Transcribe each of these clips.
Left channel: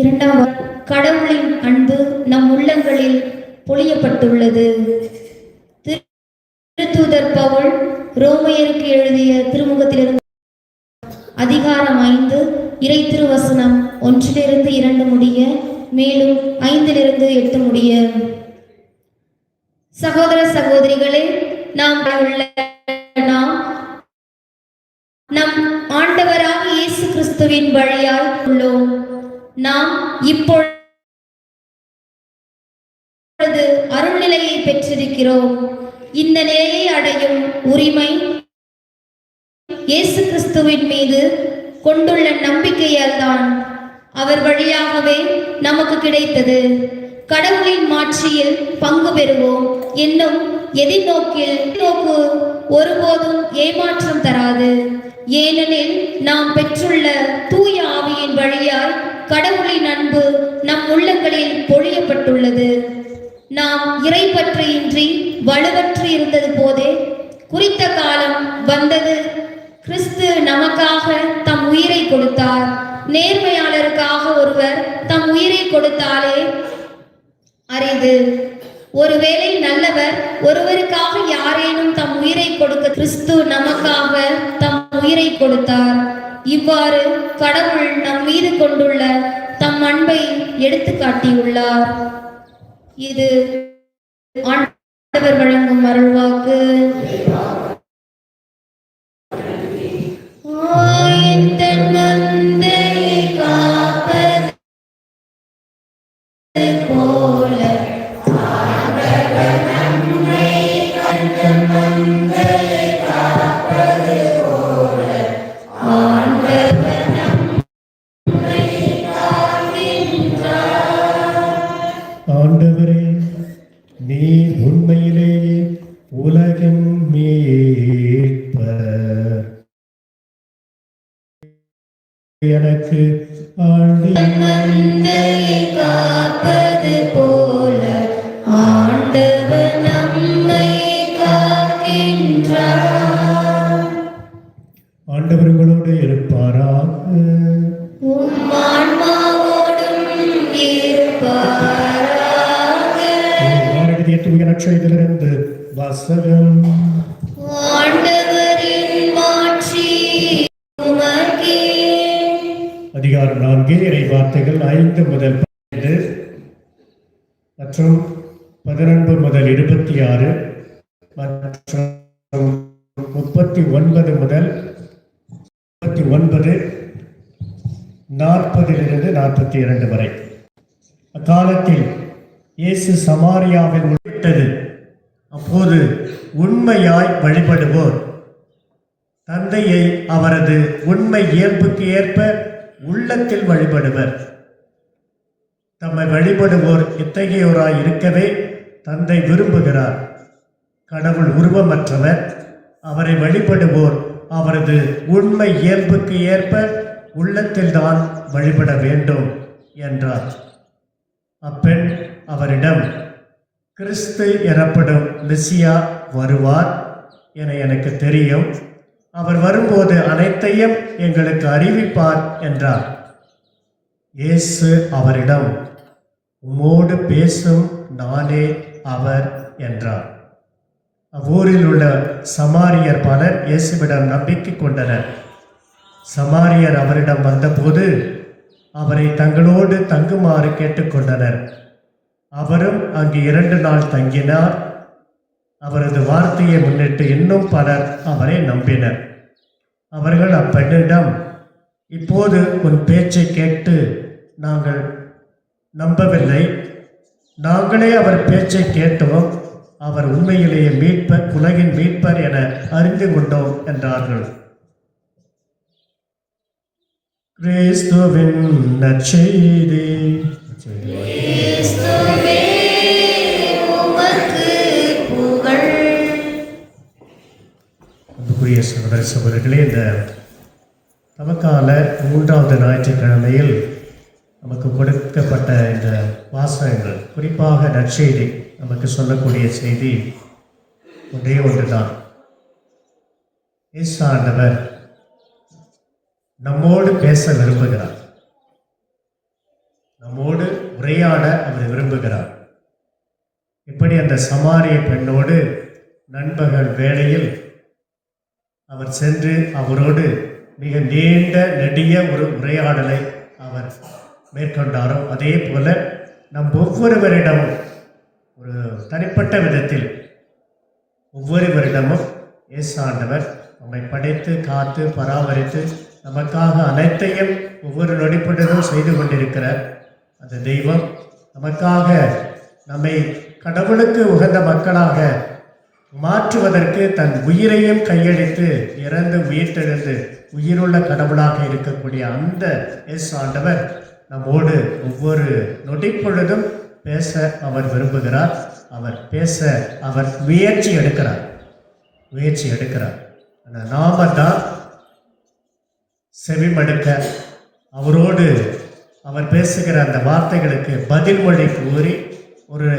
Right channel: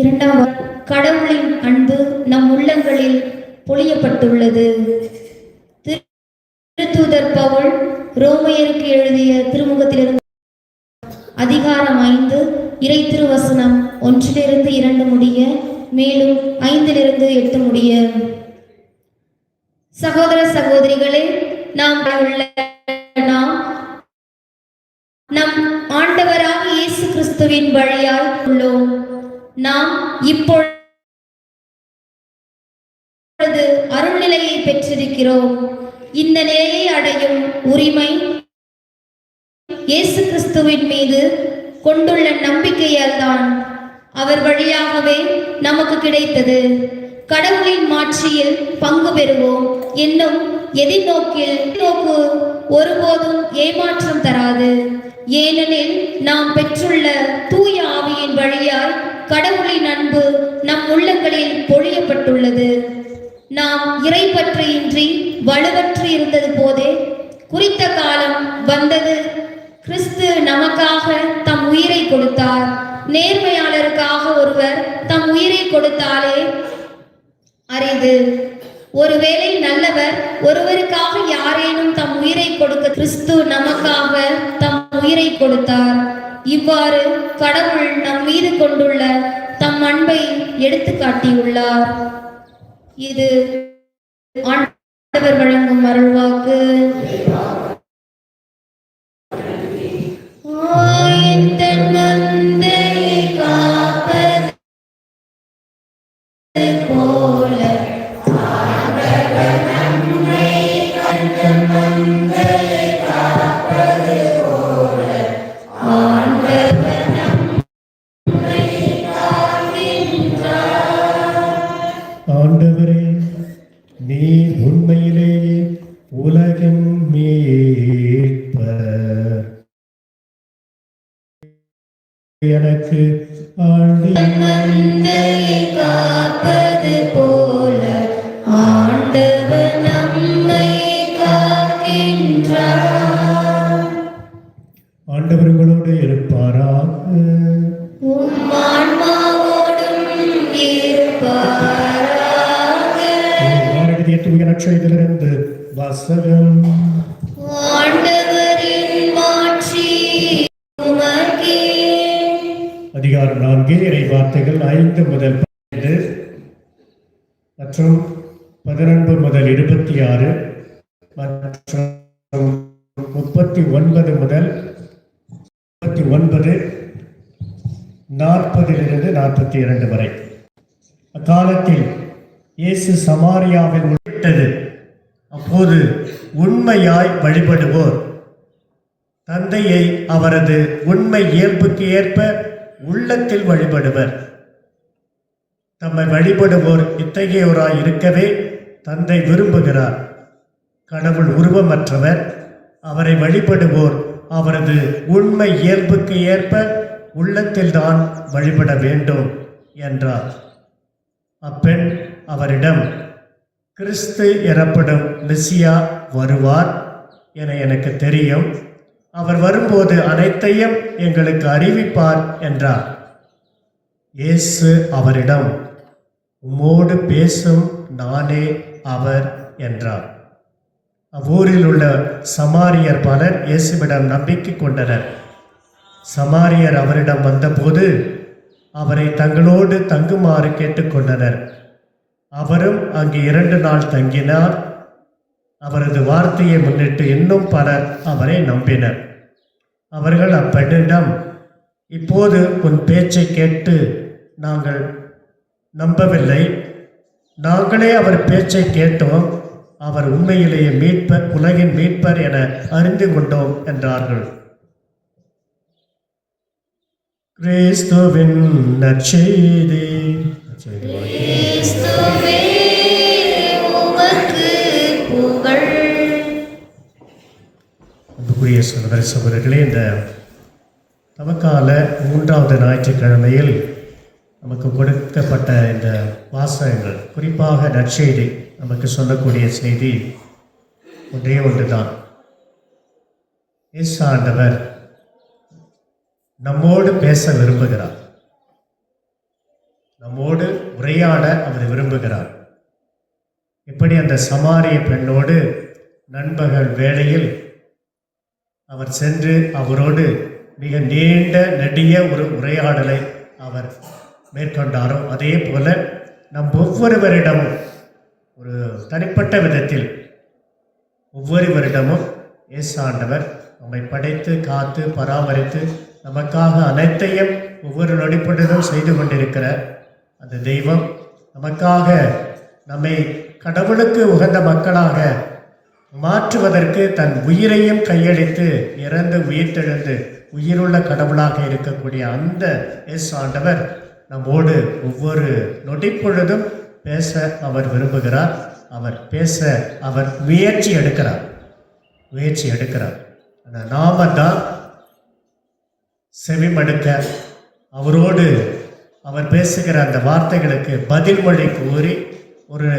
இரண்டாவது, கடவுளின் அன்பு நம் உள்ளங்களில் பொழியப்பட்டுள்ளது. திருத்தூதர் பவுல் ரோமையருக்கு எழுதிய திருமுகத்திலிருந்து அதிகாரம் 5 இறை திருவசனம் 1-2 முடிய, மேலும் 5-8 முடிய. சகோதர சகோதரிகளே, நாம் நம் ஆண்டவராக இயேசு கிறிஸ்துவின் வழியாய் உள்ளோம். நாம் இப்பொழுது அருள்நிலையை பெற்றிருக்கிறோம். இந்த நிலையை அடையும் உரிமை இயேசு கிறிஸ்துவின் மீது கொண்டுள்ள நம்பிக்கையால் தான், அவர் வழியாகவே நமக்கு கிடைத்தது. கடவுளின் மாட்சியில் பங்கு பெறுவோம் என்னும் எதிர்நோக்கு ஒருபோதும் ஏமாற்றம் தராது. ஏனெனில் நாம் பெற்றுள்ள தூய ஆவியின் வழியால் கடவுளின் அன்பு நம் உள்ளங்களில் பொழியப்பட்டுள்ளது. நாம் இறைப்பற்றின்றி வலுவற்று இருந்தது போதே குறித்த காலம் வந்தது. கிறிஸ்து நமக்காக தம் உயிரை கொடுத்தார். நேர்மையாளருக்காக ஒருவர் தம் உயிரை கொடுத்தாலே அரிது. ஒருவேளை நல்லவர் ஒருவருக்காக யாரேனும் தம் உயிரை கொடுக்க, கிறிஸ்து நமக்காக தம் உயிரை கொடுத்தார். இவ்வாறு கடவுள் நம் மீது கொண்டுள்ள தம் அன்பை எடுத்து காட்டியுள்ளார். இது ஆண்டவர் வழங்கும் அருள்வாக்கு. ஆண்டவரே, நீர் உண்மையிலேயே உலகின் மீட்பர். எனக்கு காப்பது போல ஆண்டவர் நம்மை காக்கின்றார். ஆண்டவர் உங்களோடு இருப்பாராக. தூய நற்செய்தியிலிருந்து வாசகம். அதிகாரம் 4 இறை வார்த்தைகள் 5 முதல் 12 மற்றும் 11 முதல் 26 மற்றும் 39 முதல் 39, 40 42 வரை. அக்காலத்தில் இயேசு சமாரியாவில் விட்டது. அப்போது உண்மையாய் வழிபடுவோர் தந்தையை அவரது உண்மை இயல்புக்கு ஏற்ப உள்ளத்தில் வழிபடுவர். தம்மை வழிபடுவோர் இத்தகையோராய் இருக்கவே தந்தை விரும்புகிறார். கடவுள் உருவமற்றவர். அவரை வழிபடுவோர் அவரது உண்மை இயல்புக்கு ஏற்ப உள்ளத்தில்தான் வழிபட வேண்டும் என்றார். அப்பெண் அவரிடம், கிறிஸ்து எனப்படும் மெசியா வருவார் என எனக்கு தெரியும். அவர் வரும்போது அனைத்தையும் எங்களுக்கு அறிவிப்பார் என்றார். இயேசு அவரிடம், உம்மோடு பேசும் நானே அவர் என்றார். அவ்வூரில் உள்ள சமாரியர் பலர் இயேசுவிடம் நம்பிக்கை கொண்டனர். சமாரியர் அவரிடம் வந்தபோது அவரை தங்களோடு தங்குமாறு கேட்டுக்கொண்டனர். அவரும் அங்கு 2 நாள் தங்கினார். அவரது வார்த்தையை முன்னிட்டு இன்னும் பலர் அவரை நம்பினர். அவர்கள் அப்பெண்ணிடம், இப்போது உன் பேச்சை கேட்டு நாங்கள் நம்பவில்லை. நாங்களே அவர் பேச்சை கேட்டோம். அவர் உண்மையிலேயே மீட்பர், உலகின் மீட்பர் என அறிந்து கொண்டோம் என்றார்கள். கிறிஸ்துவின் நற்செய்தி. கிறிஸ்துவே உமக்கு புகழ். அன்புக்குரிய சகோதர சகோதரிகளே, இந்த தவக்கால 3வது ஞாயிற்றுக்கிழமையில் நமக்கு கொடுக்கப்பட்ட இந்த வாசகங்கள், குறிப்பாக நற்செய்தி நமக்கு சொல்லக்கூடிய செய்தி ஒன்றே ஒன்றுதான். இயேசு ஆண்டவர் நம்மோடு பேச விரும்புகிறார். நம்மோடு உரையாட அவர் விரும்புகிறார். இப்படி அந்த சமாரிய பெண்ணோடு நண்பகல் வேளையில் அவர் சென்று அவரோடு மிக நீண்ட நெடிய ஒரு உரையாடலை அவர் மேற்கொண்டாரோ, அதே போல நம் ஒவ்வொருவரிடமும் ஒரு தனிப்பட்ட விதத்தில் ஒவ்வொருவரிடமும் இயேசு ஆண்டவர் நம்மை படைத்து காத்து பராமரித்து நமக்காக அனைத்தையும் ஒவ்வொரு நொடிப்பொழுதும் செய்து கொண்டிருக்கிறார். அந்த தெய்வம் நமக்காக நம்மை கடவுளுக்கு உகந்த மக்களாக மாற்றுவதற்கு தன் உயிரையும் கையளித்து இறந்து உயிர்த்தெழுந்து உயிருள்ள கடவுளாக இருக்கக்கூடிய அந்த இயேசு ஆண்டவர் நம்மோடு ஒவ்வொரு நொடிப்பொழுதும் பேச அவர் விரும்புகிறார். அவர் பேச அவர் முயற்சி எடுக்கிறார். ஆனால் நாம தான் செவிமடுக்க, அவரோடு அவர் பேசுகிற அந்த வார்த்தைகளுக்கு பதில் மொழி கூறி ஒரு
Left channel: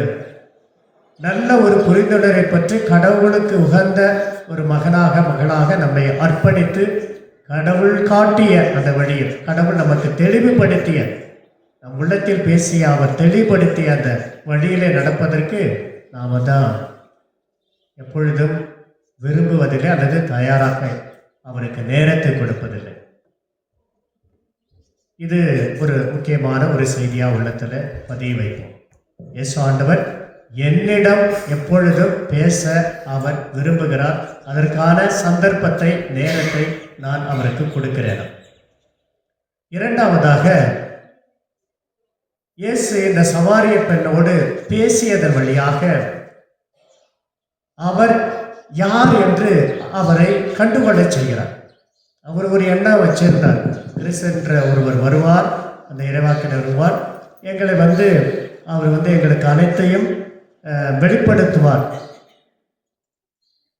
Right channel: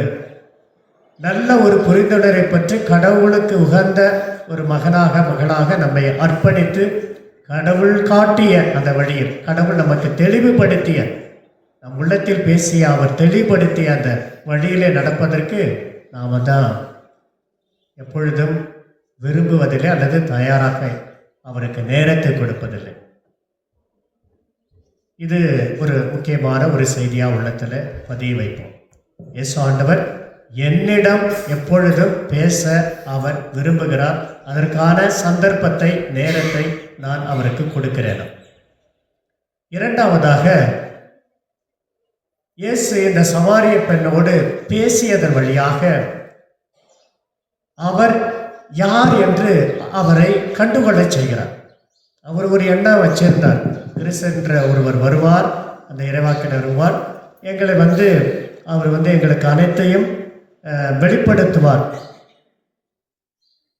நல்ல ஒரு புரிந்துணரை பற்றி கடவுளுக்கு உகந்த ஒரு மகளாக நம்மை அர்ப்பணித்து கடவுள் காட்டிய அந்த வழியில், கடவுள் நமக்கு தெளிவுபடுத்திய, நம் உள்ளத்தில் பேசிய அவர் தெளிவுபடுத்திய அந்த வழியிலே நடப்பதற்கு நாம் தான் எப்பொழுதும் விரும்புவதில்லை அல்லது தயாராக அவருக்கு நேரத்தை கொடுப்பதில்லை. இது ஒரு முக்கியமான ஒரு செய்தியாக உள்ளத்தில் பதிய வைப்போம். இயேசு ஆண்டவர் என்னிடம் எப்பொழுதும் பேச அவர் விரும்புகிறார். அதற்கான சந்தர்ப்பத்தை, நேரத்தை நான் அவருக்கு கொடுக்கிறேன். இரண்டாவதாக, இயேசு இந்த சமாரிய பெண்ணோடு பேசியதன் வழியாக அவர் யார் என்று அவரை கண்டுகொள்ளச் செய்கிறார். அவர் ஒரு எண்ணம் வச்சிருந்தார், கிறிஸ்து என்ற ஒருவர் வருவார், அந்த இறைவாக்கினர் வருவார், எங்களை அவர் எங்களுக்கு அனைத்தையும் வெளிப்படுத்துவார்,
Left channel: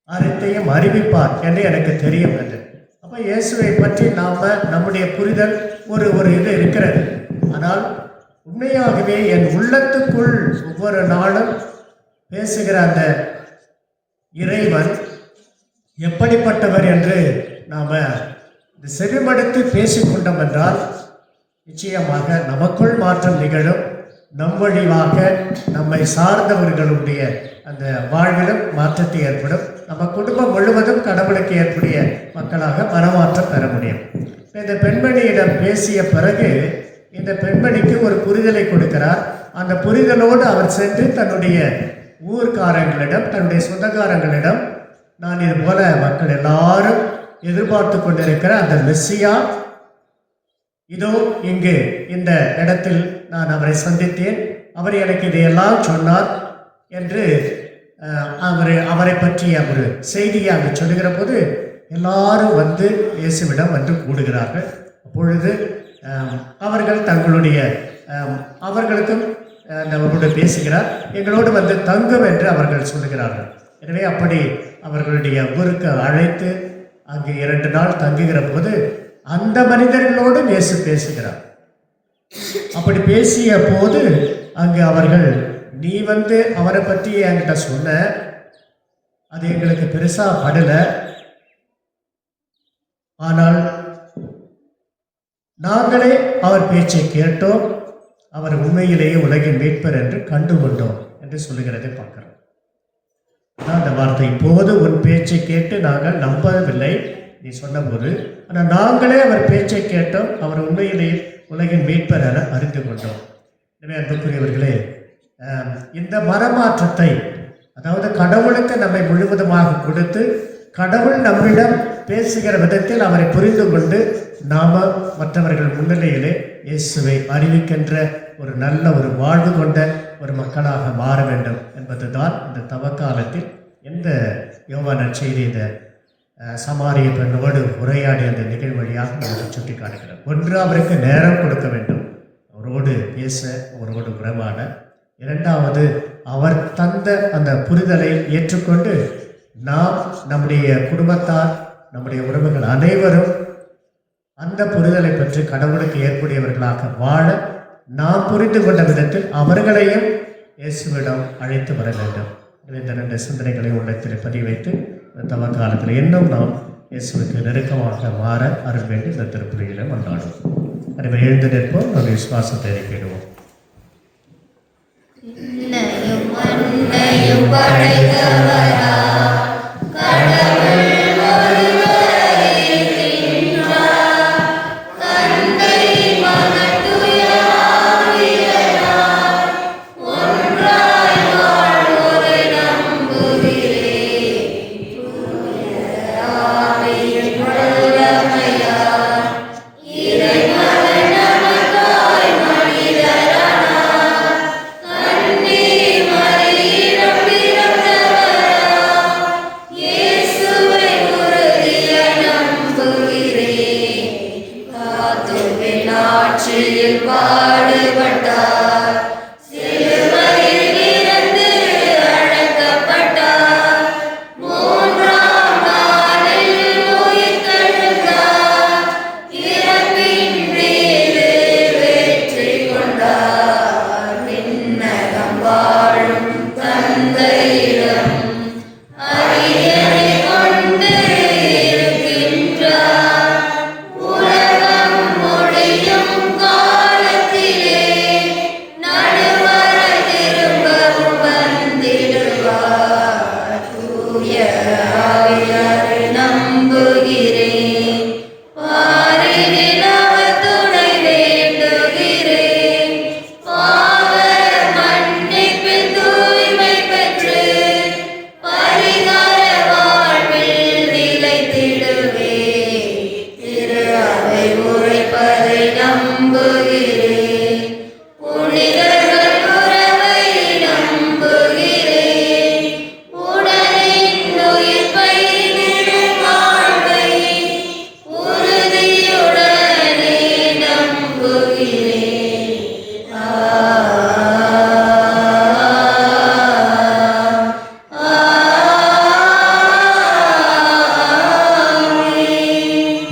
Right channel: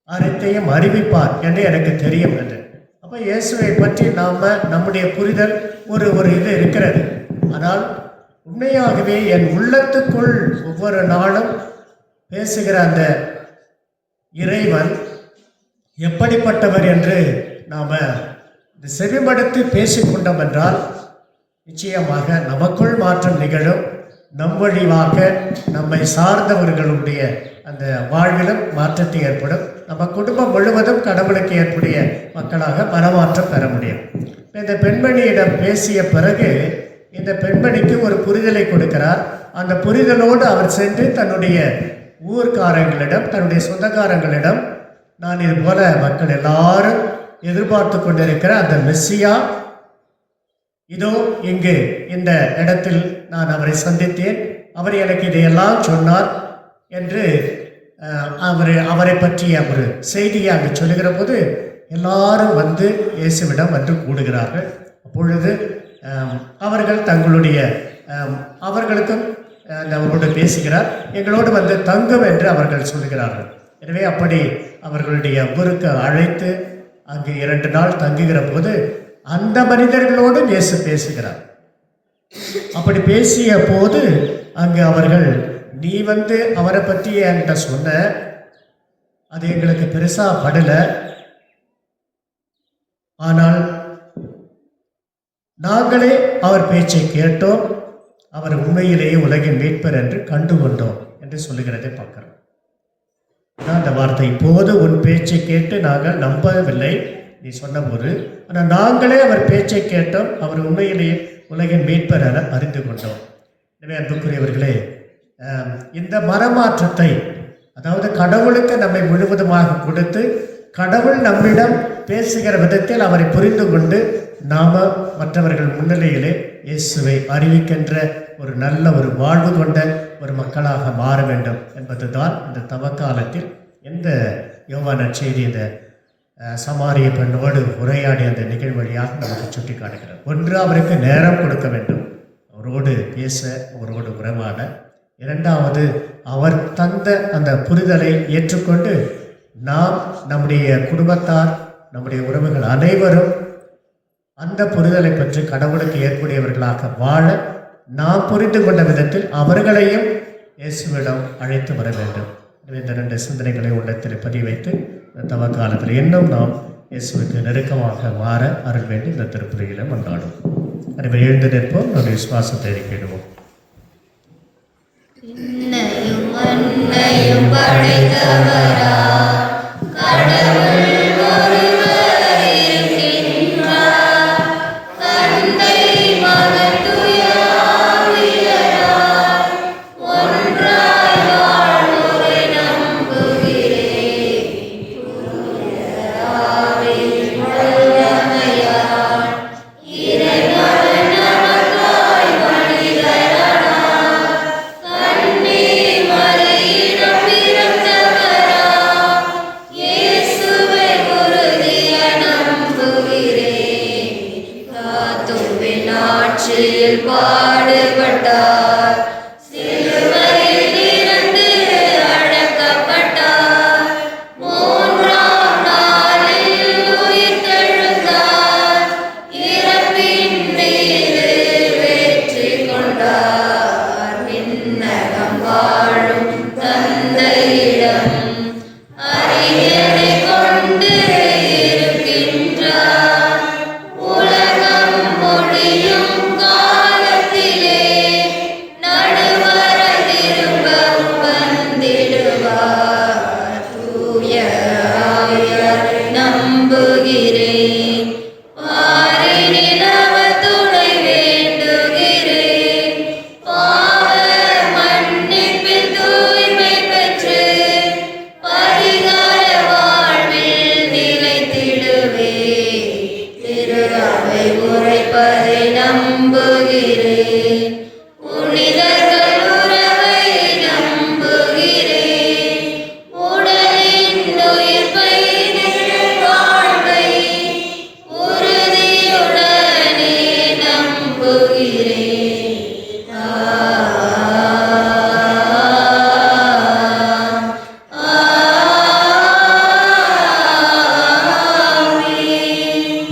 அனைத்தையும் அறிவிப்பார் என்று எனக்கு தெரியும் என்று. அப்போ இயேசுவை பற்றி நம்முடைய புரிதல் ஒரு இது இருக்கிறது. ஆனால் உண்மையாகவே என் உள்ளத்துக்குள் ஒவ்வொரு நாளும் பேசுகிற அந்த இறைவன் எப்படிப்பட்டவர் என்று நாம் செவிமடுத்து பேசிக்கொண்டோம் என்றால் நிச்சயமாக நமக்குள் மாற்றம் நிகழும். நம் வழியாக நம்மை சார்ந்தவர்களுடைய அந்த வாழ்விலும் மாற்றத்தை ஏற்படும். நம்ம குடும்பம் முழுவதும் கடவுளுக்கு ஏற்புடைய மக்களாக மனமாற்றம் பெற முடியும். இந்த பெண்மணியிடம் பேசிய பிறகு இந்த பெண்மணிக்கு ஒரு புரிதலை கொடுக்கிறார். அந்த புரிதலோடு அவர் சென்று தன்னுடைய ஊர்க்காரங்களிடம், தன்னுடைய சொந்தக்காரங்களிடம், நான் இது போல மக்கள் எல்லாரும் எதிர்பார்த்து கொண்டிருக்கிற அந்த மெஸ்ஸியா இதோ இங்கு இந்த இடத்தில் நான் அவரை சந்தித்தேன், அவர் எனக்கு இதையெல்லாம் சொன்னார் என்று அவரை பற்றி அவர் செய்தியை அங்கு சொல்லுகிற போது எல்லாரும் வந்து இயேசுவிடம் வந்து கூடுகிறார்கள். அப்பொழுது அவர்கள் தங்களுடைய அவர்களுக்கும் நம்மளோடு பேசுகிறார், எங்களோடு வந்து தங்கும் என்று அவர்கள் சொல்லுகிறார்கள். எனவே அப்படி அவர்களுடைய ஊருக்கு அழைத்து அங்கு 2 நாள் தங்குகிற போது அந்த மனிதர்களோடு இயேசு பேசுகிறார். அப்படி பேசிய போது அங்கு அவர்கள், நீ வந்து அவரை பற்றி என்கிட்ட சொன்ன, அது எங்களுக்கு பெருசா படல, ஆனால் நாங்களே அவர் பேச்சை கேட்டோம், அவர் உண்மையிலேயே உலகின் மீட்பர் என்று கண்டுகொண்டோம் என்று சொல்லுகிறதை பார்க்கிறோம். அந்த வார்த்தை, இப்போது உன் பேச்சை கேட்டு நாங்கள் நம்பவில்லை நீ சொன்னபோது, ஆனால் நாங்களே அவர் பேச்சை கேட்டோம், அவர் உண்மையிலேயே உலகின் மீட்பர் என அறிந்து கொண்டோம். எனவே அன்புக்குரியவர்களே, இந்த மனமாற்றத்தை, அதாவது கடவுளுக்கு நம்மை முழுவதுமாக கொடுத்து கடவுள் நம்மிடம் பேசுகிற விதத்தில் அவரை புரிந்து கொண்டு நாம மற்றவர்கள் முன்னிலையிலே இயேசுவை அறிவிக்கின்ற ஒரு நல்ல ஒரு வாழ்வு கொண்ட ஒரு மக்களாக மாற வேண்டும் என்பதுதான் இந்த தவக்காலத்தில் இந்த யோவான் நற்செய்தி இந்த சமாரிய பெண்ணோடு உரையாடிய அந்த நிகழ்வு வழியாக நமக்கு சுட்டி காட்டுகிறது. ஒன்று, அவருக்கு நேரம் கொடுக்க வேண்டும், அவரோடு பேச, அவரோடு உறவாட. இரண்டாவது, அவர் தந்த அந்த புரிதலை ஏற்றுக்கொண்டு நாம், நம்முடைய குடும்பத்தார், நம்முடைய உறவுகள் அனைவரும் அந்த புரிதலை பற்றி கடவுளுக்கு ஏற்புடையவர்களாக வாழ நாம் புரிந்து கொண்ட விதத்தில் அவர்களையும் இயேசுவிடம் அழைத்து வர வேண்டும். இந்த 2 சிந்தனைகளை உள்ளத்தில் பதிவு வைத்து இந்த தவக்காலத்தில் இன்னும் நாம் இயேசுவுக்கு நெருக்கமாக மாற அருள் வேண்டும் இந்த திருப்பலியிலும் கொண்டாடும். எனவே எழுந்து நிற்போம், ஒரு விசுவாசத்தை அறிக்கையிடுவோம்.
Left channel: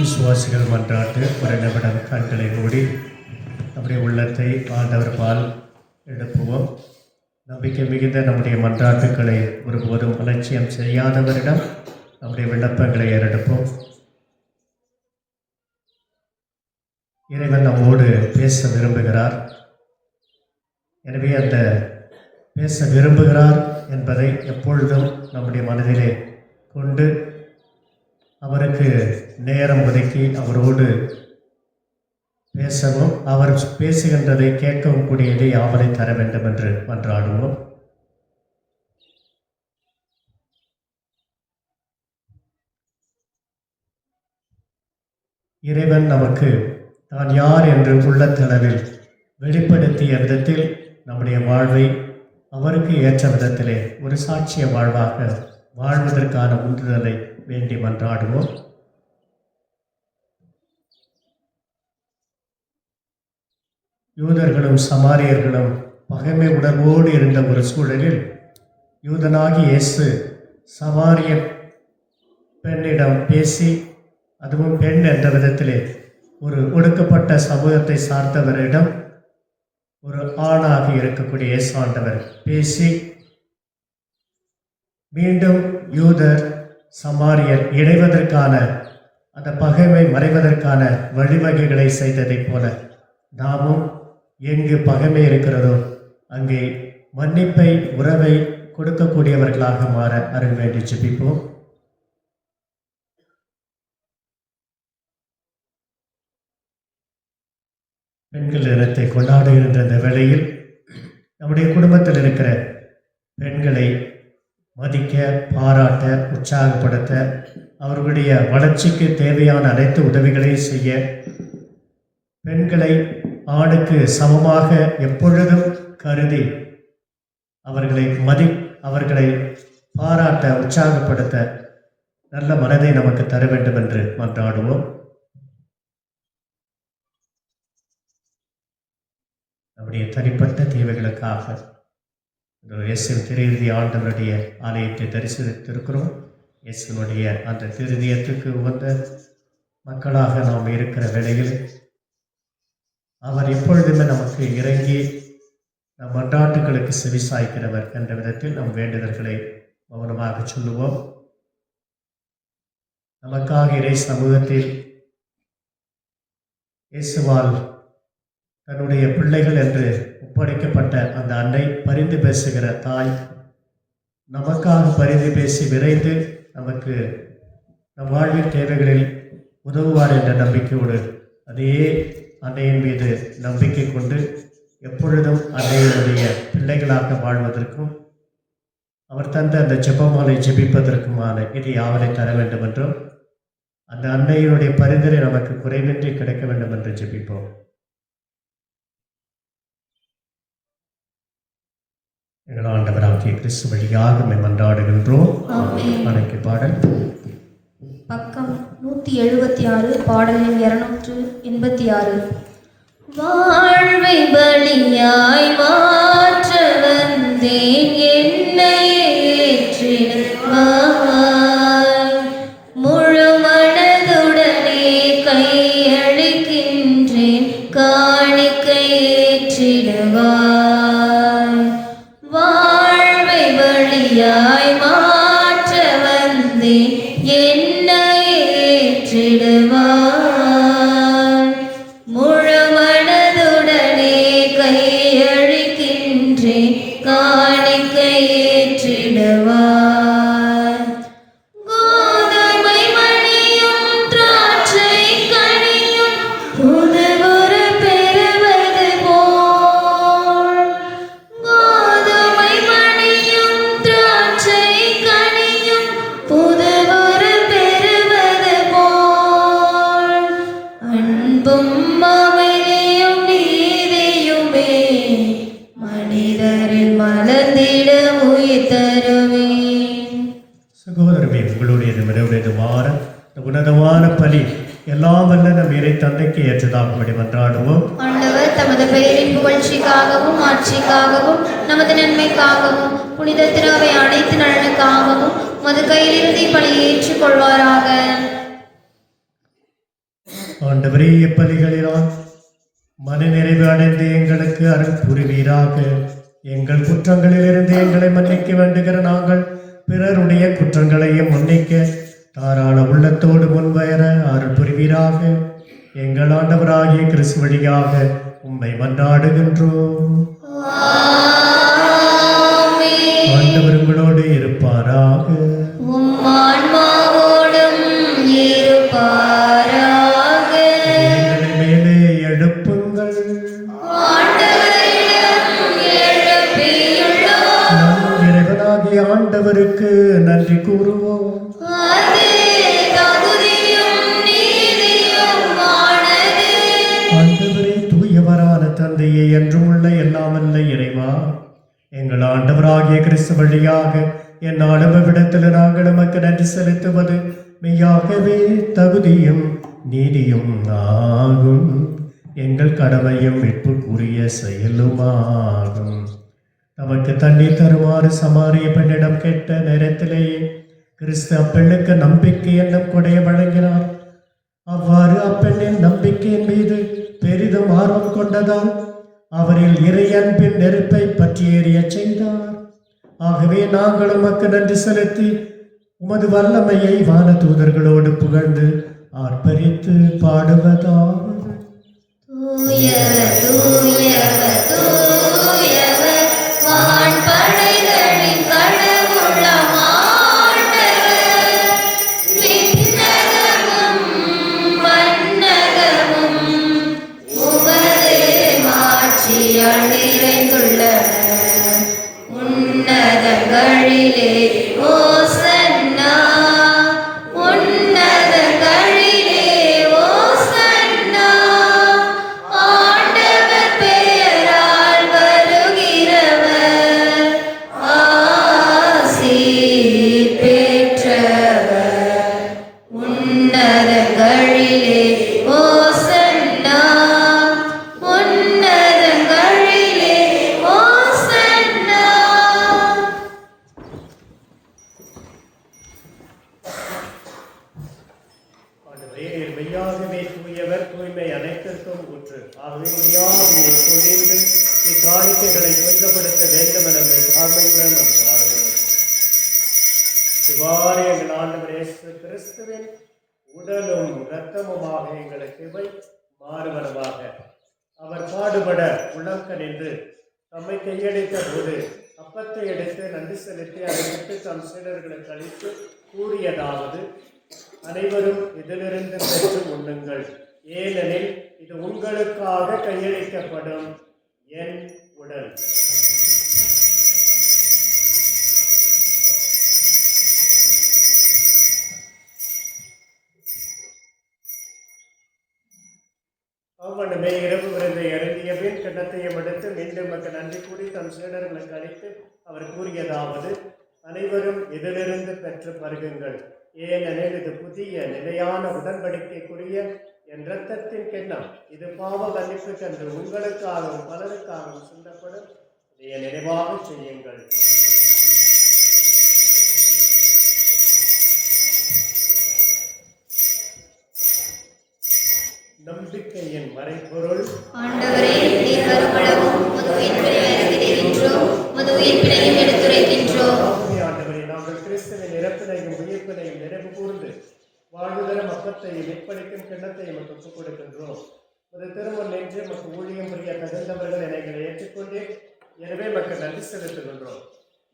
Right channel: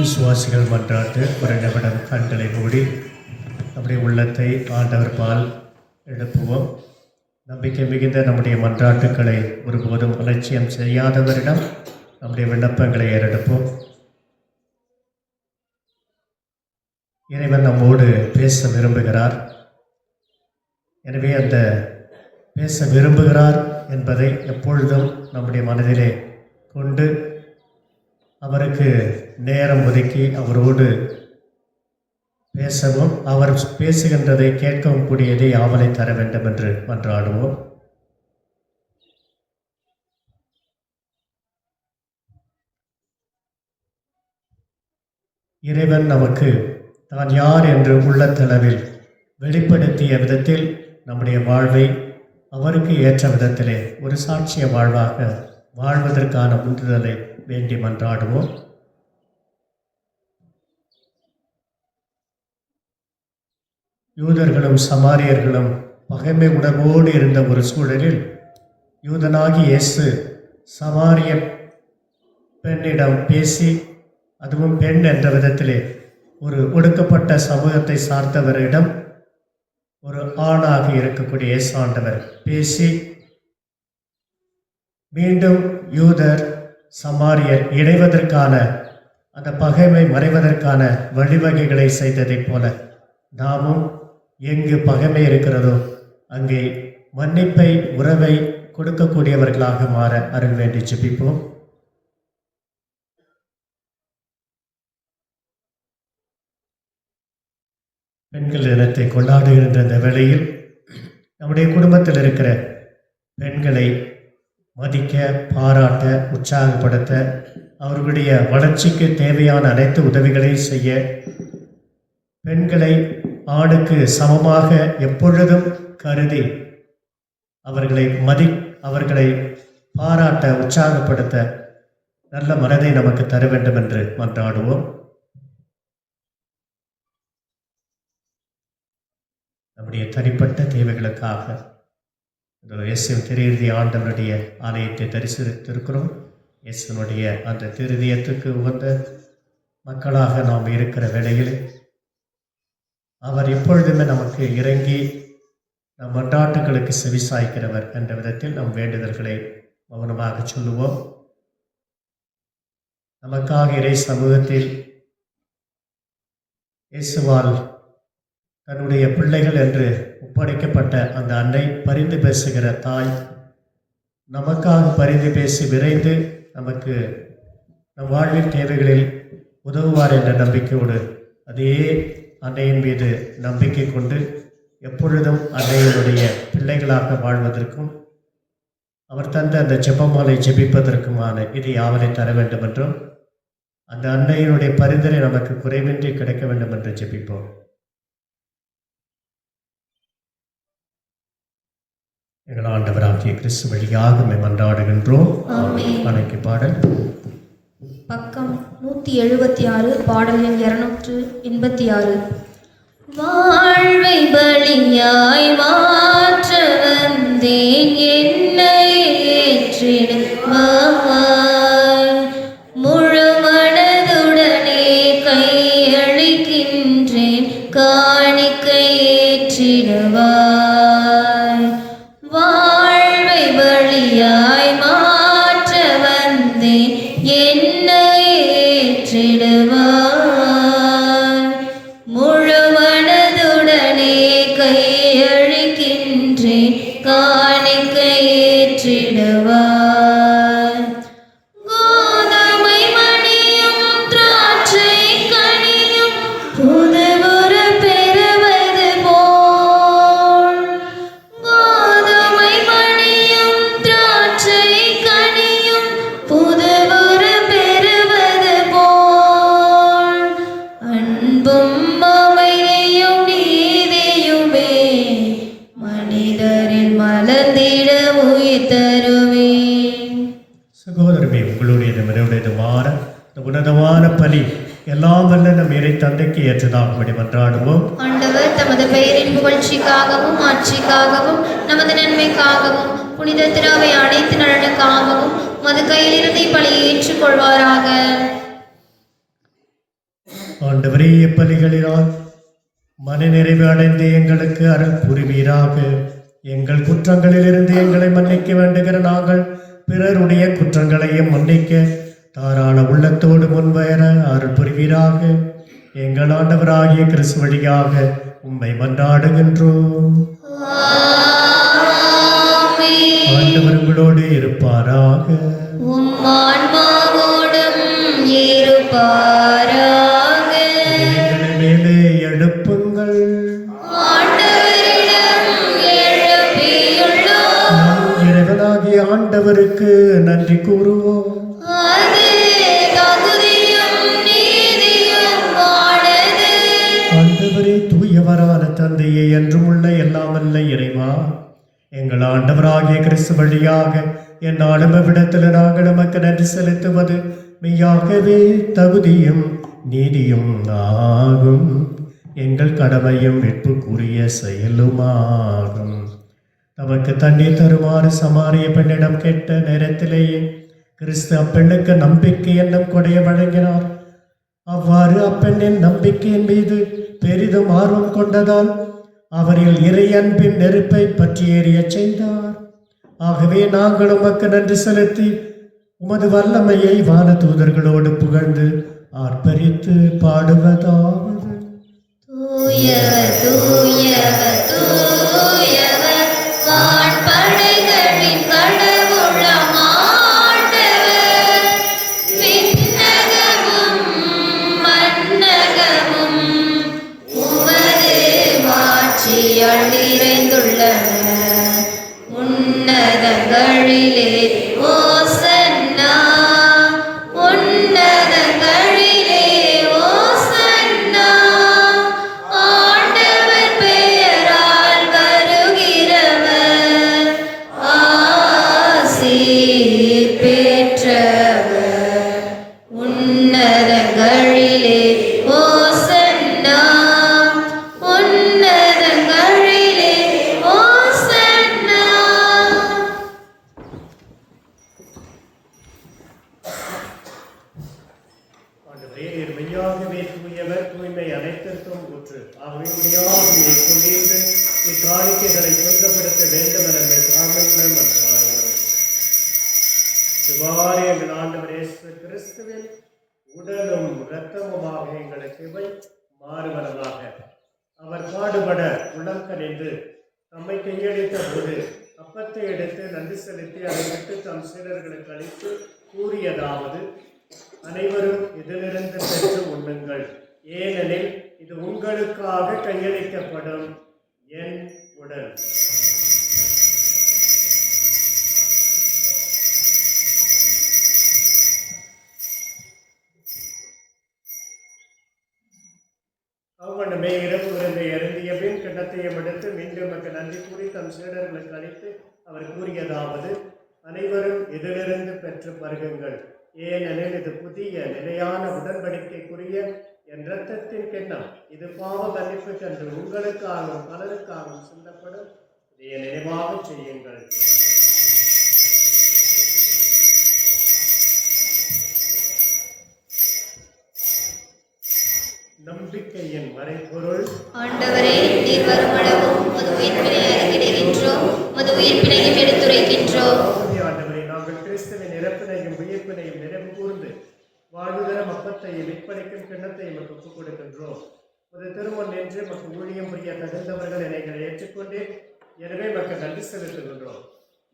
விசுவாசிகள் மன்றாட்டு ஒரு நிமிடம் கண்களை மூடி நம்முடைய உள்ளத்தை ஆண்டவர் பால் எழுப்புவோம். நம்பிக்கை மிகுந்த நம்முடைய மன்றாட்டுக்களை ஒருபோதும் அலட்சியம் செய்யாதவரிடம் நம்முடைய விண்ணப்பங்களை ஏறெடுப்போம். இறைவன் நம்மோடு பேச விரும்புகிறார். எனவே அந்த பேச விரும்புகிறார் என்பதை எப்பொழுதும் நம்முடைய மனதிலே கொண்டு அவருக்கு நேரம் ஒதுக்கி அவரோடு பேசவும், அவர் பேசுகின்றதை கேட்கவும் கூடியதை ஆவலை தர வேண்டும் என்று மன்றாடுவோம். இறைவன் நமக்கு தான் யார் என்று உள்ளத்தளவில் வெளிப்படுத்திய விதத்தில் நம்முடைய வாழ்வை அவருக்கு ஏற்ற விதத்திலே ஒரு சாட்சிய வாழ்வாக வாழ்வதற்கான உந்துதலை வேண்டி மன்றாடுவோம். யூதர்களும் சமாரியர்களும் பகைமை உணர்வோடு இருந்த ஒரு சூழலில் யூதனாகி இயேசு சமாரிய பெண்ணிடம் பேசி, அதுவும் பெண் என்ற விதத்திலே ஒரு ஒடுக்கப்பட்ட சமூகத்தை சார்ந்தவரிடம் ஒரு ஆணாக இருக்கக்கூடிய இயேசு ஆண்டவர் பேசி, மீண்டும் யூதர் சமாரியர் இணைவதற்கான அந்த பகைமை மறைவதற்கான வழிவகைகளை செய்ததைப் போல நாமும் எங்கு பகைமை இருக்கிறதோ அங்கே மன்னிப்பை உறவை கொடுக்கக்கூடியவர்களாக மாற அருள் வேண்டி ஜெபிப்போம். பெண்கள் தினத்தை கொண்டாடுகின்ற இந்த வேளையில் நம்முடைய குடும்பத்தில் இருக்கிற பெண்களை மதிக்க, பாராட்ட, உற்சாகப்படுத்த, அவர்களுடைய வளர்ச்சிக்கு தேவையான அனைத்து உதவிகளையும் செய்ய, பெண்களை ஆணுக்கு சமமாக எப்பொழுதும் கருதி அவர்களை பாராட்ட, உற்சாகப்படுத்த நல்ல மனதை நமக்கு தர வேண்டும் என்று மன்றாடுவோம். நம்முடைய தனிப்பட்ட தேவைகளுக்காக இயேசுவின் திருஇறுதி ஆண்டவருடைய ஆலயத்தை தரிசித்திருக்கிறோம். இயேசுனுடைய அந்த திருதியத்துக்கு உகந்த மக்களாக நாம் இருக்கிற வேளையில் அவர் எப்பொழுதுமே நமக்கு இறங்கி நம் மன்றாட்டுகளுக்கு செவிசாய்க்கிறவர் என்ற விதத்தில் நம் வேண்டுதல்களை மௌனமாக சொல்லுவோம். நமக்காக இறை சமூகத்தில் இயேசுவால் தன்னுடைய பிள்ளைகள் என்று ஒப்படைக்கப்பட்ட அந்த அன்னை, பரிந்து பேசுகிற தாய், நமக்காக பரிந்து பேசி விரைந்து நமக்கு நம் வாழ்வின் தேவைகளில் உதவுவார் என்ற நம்பிக்கையோடு அதே அன்னையின் மீது நம்பிக்கை கொண்டு எப்பொழுதும் அன்னையினுடைய பிள்ளைகளாக வாழ்வதற்கும் அவர் தந்த அந்த ஜெபமாலை ஜெபிப்பதற்குமான இது யாவரை தர வேண்டும் என்றும் அந்த அன்னையினுடைய பரிந்துரை நமக்கு குறைவின்றி கிடைக்க வேண்டும் என்று ஜெபிப்போம். எங்கள் ஆண்டவராகிய கிறிஸ்து வழியாக மன்றாடுகின்றோம். வணக்கி பாடல் பக்கம் 176, பாடல் எண் 286. வாழ்வை பலியாய் மாற்ற வந்தேன், என்னை ஏற்றிடுவாய், முழு மனதுடனே கையளிக்கின்றேன், காணிக்கை ஏற்றிடுவாய். வாழ்வை பலியாய் மாற்ற வந்தேன், என்னை ஏற்றிடுவாய், முழு மனதுடனே கையளிக்கின்றேன், காணிக்கை ஏற்றிடுவாய். கோதுமை மணியும் திராட்சை கனியும் புதுவுரு பெறுவது போல், கோதுமை மணியும் திராட்சை கனியும் புதுவுரு பெறுவது போல், அன்பும் அமைதியும் நீதியுமே மனிதரில் மலர்ந்திட உயிர் தருவேன். சகோதரமே, உங்களுடைய என்னுடைய வாரம் உன்னதமான பலி எல்லாம் வல்ல நம் இறை தந்தைக்கு ஏற்றதாகும்படி மன்றாடுவோம். ஆண்டவர் தமது பெயரின் புகழ்ச்சிக்காகவும் ஆட்சிக்காகவும் நமது நன்மைக்காகவும் புனித திராவை அனைத்து நலனுக்காகவும் மது கையிலிருந்து பணியை ஏற்றுக்கொள்வாராக. ஆண்டவரே, எப்பலிகளினால் மனநிறைவு அடைந்து எங்களுக்கு அருள் புரிவீராக. எங்கள் குற்றங்களிலிருந்து எங்களை மன்னிக்க வேண்டுகிற நாங்கள் பிறருடைய குற்றங்களையும் மன்னிக்க தாராள உள்ளத்தோடு முன்வர அருள் புரிவீராக. எங்கள் ஆண்டவராகிய கிறிஸ்து வழியாக உம்மை மன்றாடுகின்றோம். ஆண்டவர் உங்களோடு இருப்பாராக. உம் ஆன்மாவோடும் இருப்பாராக. எங்களை மேலே எழுப்புங்கள். ஆண்டவரிடம் எழுப்பியுள்ளோம். நம் இறைவனாகிய ஆண்டவருக்கு நன்றி கூறுவோம். அது தகுதியும் நீதியுமானது. ஆண்டவரே, தூயவரான தந்தையே, என்றும் உள்ள எல்லாம் வல்ல இறைவா, எங்கள் ஆண்டவராகிய கிறிஸ்து வழியாக என் அனுபவத்தில் நாங்கள் நமக்கு நன்றி செலுத்துவது மெய்யாகவே தகுதியும் நீதியும் ஆகும். எங்கள் கடமையும் வெட்புக்குரிய செயலுமாகும். நமக்கு தண்ணீர் தருமாறு சமாரிய பெண்ணிடம் கேட்ட நேரத்திலேயே கிறிஸ்து அப்பெண்ணுக்கு நம்பிக்கை என்னும் கொடைய வழங்கினார். அவ்வாறு அப்பெண்ணின் நம்பிக்கையின் மீது பெரிதும் ஆர்வம் கொண்டதால் அவரில் இறை அன்பின் நெருப்பை பற்றி எறிய செய்தார். ஆகவே நாங்கள் உமக்கு நன்றி செலுத்தி உமது வல்லமையை வான தூதர்களோடு புகழ்ந்து ஆர்ப்பரித்து பாடுவதாவது. தூயவர் தூயவர் தூயவர் வான்படைகளின் கடவுளாம் ஆண்டவர். விண்ணகமும் மண்ணகமும் உமது மாட்சியால் நிறைந்துள்ளன. உன்னதங்களிலே ஓசன்னா, உன்னதங்களிலே ஓசன்னா. ஆண்டவர் பெயரால் வருகிறவர் ஆசீர் பெற்றவர். உன்னதங்களிலே ஓசன்னா, உன்னதங்களிலே ஓசன்னா. ஆண்டவரே, நீர் மெய்யாகவே தூயவர், தூய்மை அனைத்திற்கும் ஊற்று. ஆகவே முடியாமையை கொண்டிருந்து இக்காணிக்கைகளை புனிதப்படுத்த வேண்டும் என தாழ்மையுடன் ஆடுகிறோம். இவ்வாறு எங்கள் ஆண்டவர் இயேசு கிறிஸ்துவின் உடலும் இரத்தமுமாக எங்களுக்கு இவை மாறுவனவாக. அவர் பாடுபட உளம் கனிந்து தம்மை கையளித்த போது அப்பத்தை எடுத்து நன்றி செலுத்தி அதை விட்டு தம் சீடர்களுக்கு அளித்து கூறியதாவது: அனைவரும் இதிலிருந்து பெற்று உண்ணுங்கள், ஏனெனில் இது உங்களுக்காக கையளிக்கப்படும் என் உடல். அவ்வண்ணமே இரவு விருந்தை அருந்திய பின் கிண்ணத்தையும் எடுத்து மீண்டும் மக்கள் நன்றி கூறி தம் சீடர்களுக்கு அளித்து அவர் கூறியதாவது: அனைவரும் இதிலிருந்து பெற்று பருகுங்கள், ஏனெனில் இது புதிய நிலையான உடன்படிக்கைக்குரிய என் இரத்தத்தின் கிண்ணம். இது பாவ மன்னிப்புக்கென்று உங்களுக்காகவும் பலருக்காகவும் சிந்தப்படும். இதை நினைவாக செய்யுங்கள். நம்பிக்கையின் மறைபொருள். ஆண்டவரே, நீர் வருமளவும் உமது உயிர்ப்பினை அறிக்கையிடுகின்றோம், உமது உயிர்ப்பினையும் எடுத்துரைக்கின்றோம். ஆண்டவரே, நாங்கள் கிறிஸ்துவின் இறப்பினையும் உயிர்ப்பினையும் நினைவு கூர்ந்து வாழ்வுதரும் அப்பத்தையும் மீட்பளிக்கும் கிண்ணத்தையும் ஒப்புக் கொடுக்கின்றோம். ஒரு திருமண் நின்று மக்கள் ஊழியம் புரிய தகுந்தவர்கள் எங்களை ஏற்றுக்கொண்டே, எனவே மக்கள் நன்றி செலுத்துகின்றோம்.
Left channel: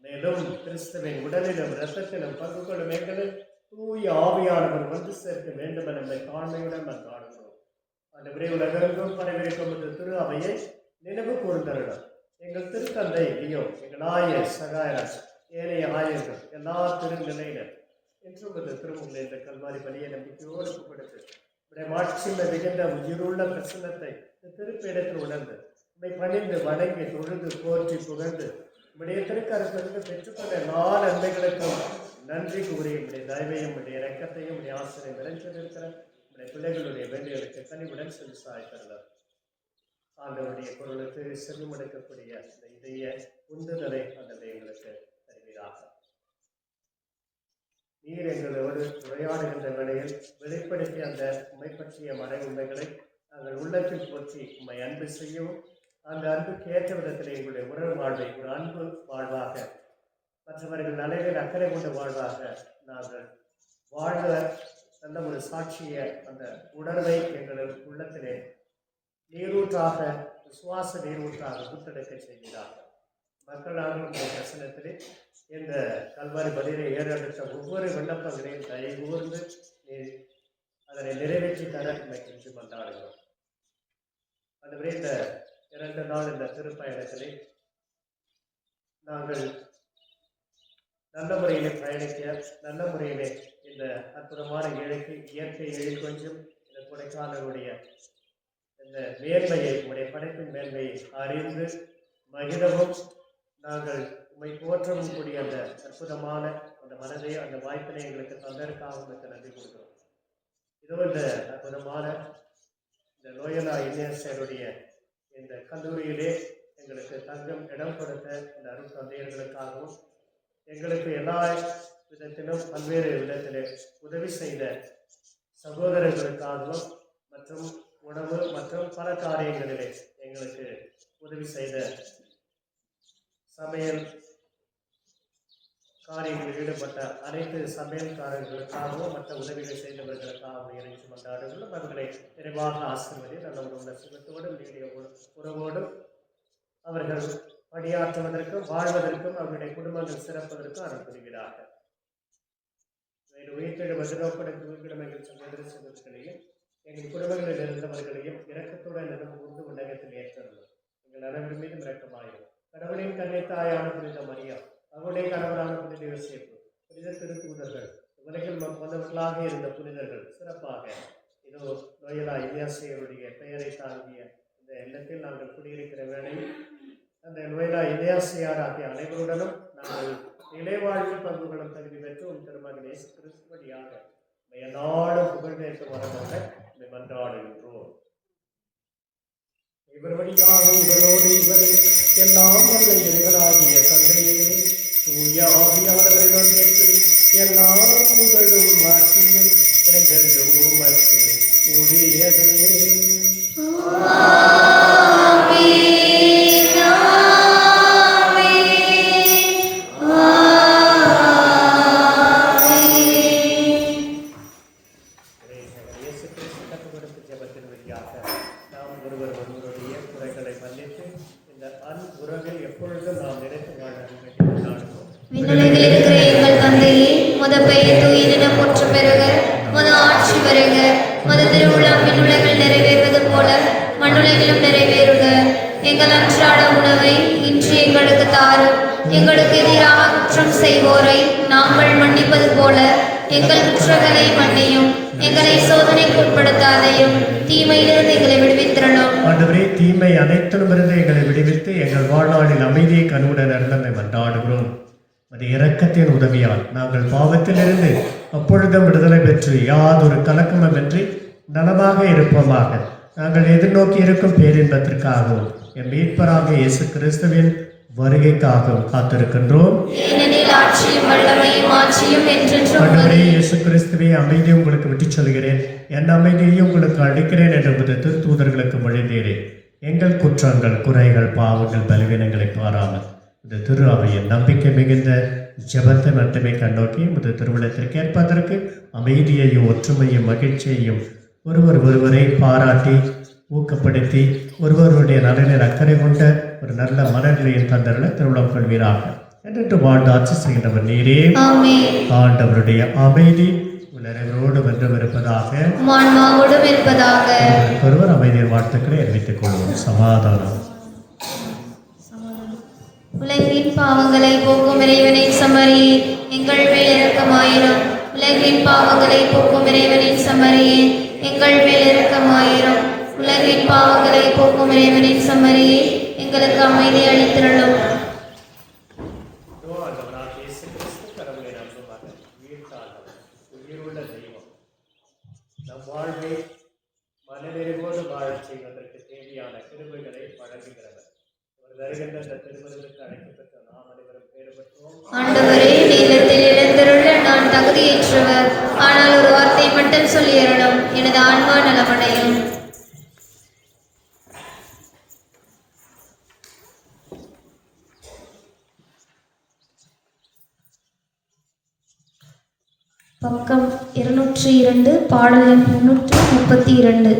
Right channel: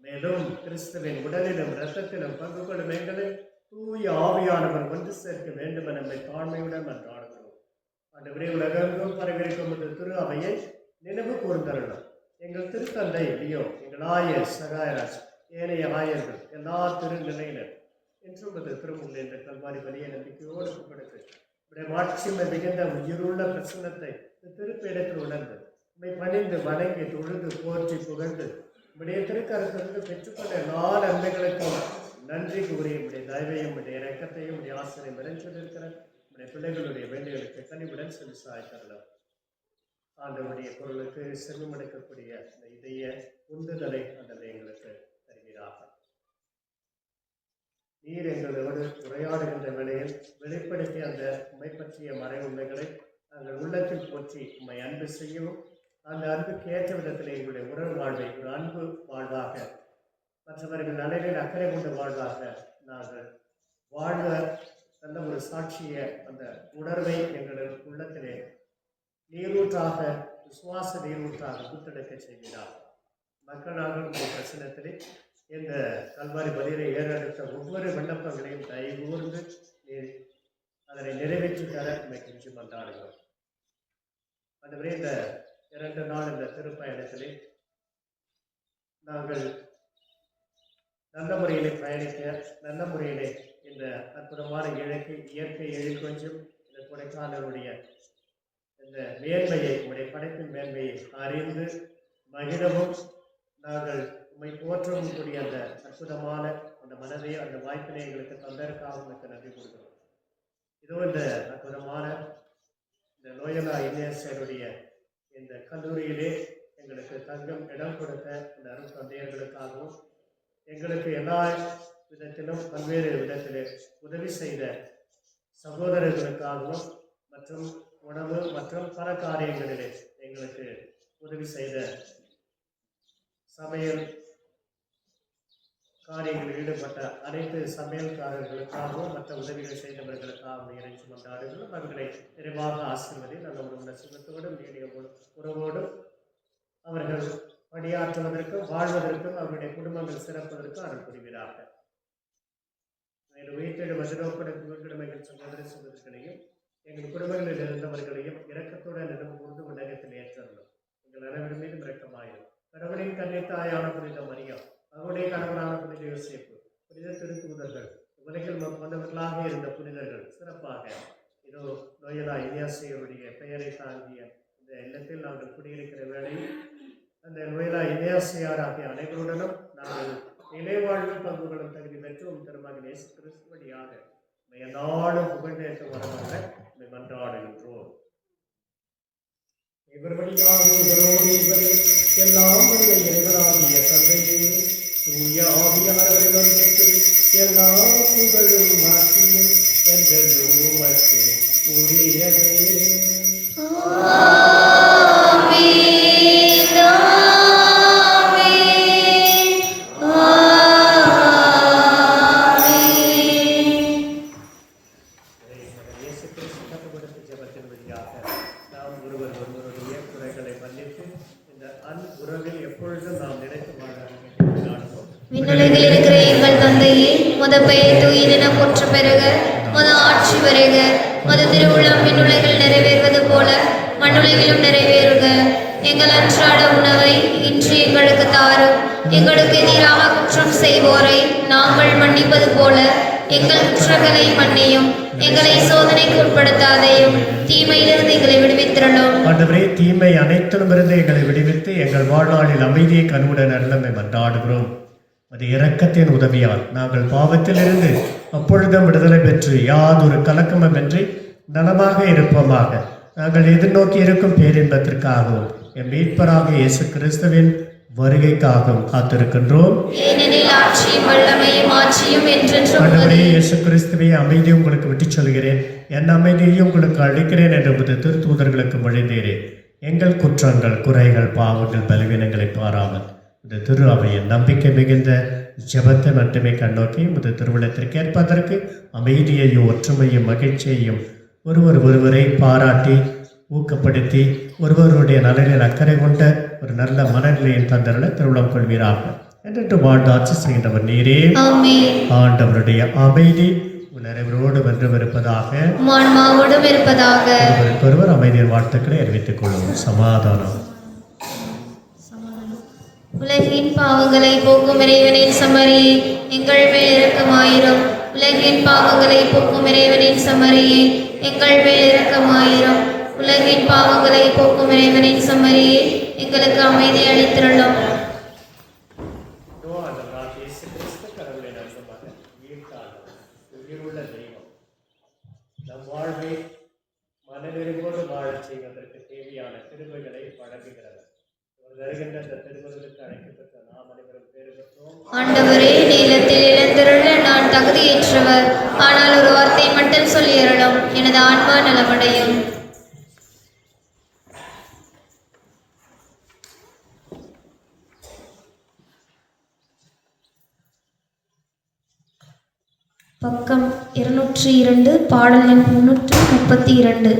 மேலும் கிறிஸ்துவின் உடலிலும் இரத்தத்திலும் பங்கு கொள்ளும் எங்களை தூய ஆவியானவர் ஒன்று சேர்க்க வேண்டும் என தாழ்மையுடன் மன்றாடுகிறோம். ஆண்டவரே, உலகெங்கும் பரவிருக்கும் திரு அவையை நினைவு கூர்ந்தருளும். எங்கள் திருத்தந்தை லியோ, எங்கள் ஆயர் சகாயராஜ், ஏனைய ஆயர்கள், எல்லா திருநிலையினர் என்றும் திருமுள்ள என்ற கல்வாரி பலியை நம்பிக்கையோடு ஒப்புக்கொடுத்து உடைய மாட்சிமை மிகுந்த உயிருள்ள பிரசன்னத்தை திருப்பேடத்தில் உணர்ந்து உண்மை பணிந்து வணங்கி தொழுது போற்றி புகழ்ந்து உடைய திருக்கரத்திலிருந்து பெற்றுக்கொண்ட எல்லா நன்மைகளுக்கும் நன்றி கூறி உடைய தயவையும் உடைய இரக்கத்தையும் உடைய ஆசிரியம் நிறைஞ்சிருக்கிற உடைய பிள்ளைகளுடைய வேண்டுகளுக்கு கனிவுடன் செலுத்தாய் தரலாம். ஆண்டவருடைய பொருளுக்கு செல்வமடைக்கக்கூடிய இந்த இதய உந்துதலை ஆண்டவர் எங்களுக்கு தருவீராக. நீர் எங்களோடு உரையாடுகின்ற வேளையில் வெளிப்படுத்திய அந்த உண்மை பற்றிய மறை உண்மைகளை நாங்கள் உள்ளத்தில் போற்றி உண்மை அன்பு செய்யவும், அந்த அன்புக்கு ஏற்ற விதத்தில் எங்களுடைய உறவு வாழ்வை ஒரு அன்பு வாழ்வாக, மற்றவர்கள் நலனில் அக்கறை கொண்ட வாழ்வாக நாங்கள் வாழ்வ நல்ல ஒரு சாட்சிய அந்த உணர்வை எங்கள் உள்ளத்திலே நீரூற்றாக, விசுவாச நீரூற்றாக புத்தெடுக்க செய்கிறார். மக்களாக பிரசனத்திலே இந்த கல்வாரி பலியிலே ஏறெடுத்த ஒவ்வொரு விண்ணப்பங்களையும் கைகூர்ந்து அதனை நிறைவேற்றி தர கெஞ்சி கொண்டாடுகிறோம். அதுவரை இந்த 2 நாள் இந்த திருப்பயணத்திலே நாங்கள் நல்ல முறையிலே பயணிக்க, நல்ல முறையிலே இந்த அற்புதமான இயற்கை கொஞ்சம் இந்த கொடைக்கானலுடைய இந்த மேன்மையை, உடைய படைப்பின் மேன்மையை அறிந்து மகிழவும், நாங்கள் உண்மை போற்றவும் கூடிய அந்த அற்புதமான அந்த மனதை அந்த வாய்ப்பினை எங்களுக்கு தந்ததற்காக உங்களுக்கு நன்றி கொடுக்கிறோம். இதோ இந்த அற்புதமான இந்த லோயலா இன்ஜினியர்ஸருடைய இந்த கல்லூரியிலே எங்களுக்கு தங்கும் இடம் கொடுத்த இந்த அருள் தந்தையர்களுக்காகவும் எங்களுக்கு எல்லா விதத்திலும் பல்வேறு விதத்திலே உதவி செய்த சகோதரர்களுக்காகவும் மற்றும் உணவு மற்றும் பல காரியங்களிலே எங்களுக்கு உதவி செய்த சமையல் காரியங்களில் ஈடுபட்ட அனைத்து சமையல்காரர்களுக்காகவும் மற்ற உதவிகளை செய்தவர்களுக்காகவும் இறைச்சி மன்றாடுகளும் அவர்களை நிறைவாக ஆசிர்வதி நல்ல உணவு சுகத்தோடும் நீடிய உறவோடும் அவர்கள் பணியாற்றுவதற்கும் வாழ்வதற்கும் அவருடைய குடும்பங்கள் சிறப்பதற்கும் அருள் புரிகிறார்கள். வேறு உயிர்த்தெழு மதுரோப்படக்கும் எங்கள் சகோதர சகோதரிகளையும் எங்கள் குடும்பங்களில் இருந்தவர்களையும் இரக்கத்துடன் நினைவு கூர்ந்து உலகத்தில் ஏற்றணும். எங்கள் அனைவரும் மீதும் இரக்கமாயிரும். கடவுளின் கன்னித்தாயான புனித மரியா, அவருடைய கணவரான புனித யோசேப்பு, புனித திருத்தூதர்கள், உலகில் வந்தவர்களாக இருந்த புனிதர்கள் சிறப்பாக இதோ லோயலா இன்ஜினியர்ஸருடைய பெயரை தாங்கிய இந்த இல்லத்தில் நாங்கள் குடியிருக்கிற வேளையில் அந்த லோயலா இன்ஜினியர்ஸ் ஆகிய அனைவருடனும் நாங்கள் நிலைவாழ்வில் பங்குகளும் தகுதி பெற்று திருமகன் இயேசு கிறிஸ்து வழியாக நாளும் புகழ்ந்தேற்க வரமாக மன்றாடுகின்றோம். இவர் வழியாக இவரோடு இவரே எல்லாம் வல்ல இறைவனாகிய தந்தையே, தூய ஆவியானவரின் ஒன்றிற்கில் எல்லா புகழும் மாற்றியும் என்றென்றும் உமக்கு உரியதே. விண்ணுலகில் இருக்கிற எங்கள் தந்தையே, உமது பெயர் தூயதென போற்ற பெறுக. உமது ஆட்சி வருக. உமது திருவுளம் விண்ணுலகில் நிறைவேறுவது போல மண்ணுலகிலும் நிறைவேறுக. எங்கள் அன்றாட உணவை இன்று எங்களுக்கு தாரும். எங்களுக்கு எதிராக குற்றம் செய்வோரை நாங்கள் மன்னிப்பது போல எங்கள் குற்றங்களை மன்னியும். எங்களை சோதனைக்கு உட்படுத்தாதையும், தீமையிலிருந்து எங்களை விடுவித்திரணும். ஆண்டவரே, தீமை அனைத்திலுமிருந்து எங்களை விடுவித்து எங்கள் வாழ்நாளில் அமைதியை கண்ணுடன் நடந்தமை மன்றாடுகிறோம். அது இரக்கத்தின் உதவியால் நாங்கள் பாவத்திலிருந்து அப்பொழுதும் விடுதலை பெற்று யாதொரு கலக்கமின்றி நலமாக இருப்போமாக. நாங்கள் எதிர்நோக்கி இருக்கும் பேரின்பத்திற்காகவும் என் மீட்பராக இயேசு கிறிஸ்துவின் வருகைக்காகவும் காத்திருக்கின்றோம். ஆண்டவரே இயேசு கிறிஸ்துவே, அமைதியை உங்களுக்கு விட்டுச் சொல்கிறேன், என் அமைதியையும் உங்களுக்கு அளிக்கிறேன் என்று திருத்தூதர்களுக்கு மொழிந்தீரேன். எங்கள் குற்றங்கள், குறைகள், பாவங்கள், பலவீனங்களை பாராமல் இந்த திரு அவையின் நம்பிக்கை மிகுந்த ஜெபத்தை மட்டுமே கண்ணோக்கி இந்த திருவிழத்திற்கு ஏற்பதற்கு அமைதியையும் ஒற்றுமையும் மகிழ்ச்சியையும் ஒருவரை பாராட்டி ஊக்கப்படுத்தி ஒருவருடைய நலனில் அக்கறை கொண்ட ஒரு நல்ல மனநிலையின் தந்தர்களை திருவிழம் கொள்வீராக என்று வாழ்ந்தாட்சி செய்கின்றவர் நீரே. ஆண்டவருடைய அமைதி உலகரோடு வென்றும் இருப்பதாக. ஒருவர் அமைதியின் வாழ்த்துக்களை அறிவித்துக் கொள்வோம். சமாதானம். உலகின் பாவங்களை போக்கும் இறைவனின் சமரியே, எங்கள் மேல் இரக்கமாயிரும். உலகின் பாவங்களை போக்கும் இறைவனின் சமரியே, எங்கள் மேல் இரக்கமாயிரும். உலகின் பாவங்களை போக்கும் இறைவனின் சமரியே, எங்களுக்கு அமைதி அளித்திரளும். உயிருள்ள தெய்வம் நம் வாழ்வை மனநிறைவோடு வாழச் செய்வதற்கு தேவையான கிருபைகளை வழங்குகிறவர். வருகின்ற அந்த திருமணத்துக்கு அழைக்கப்பட்ட நாம் அனைவரும் பேறு பெற்றோம். ஆண்டவரே, நீலத்தில் எழுந்திருள்ள நான் தகுதியற்றவர், ஆனால் ஒரு வார்த்தை மட்டும் சொல்லியறணும், எனது ஆன்மா நலமடையும். பக்கம் 202, பாடல் எண் 332.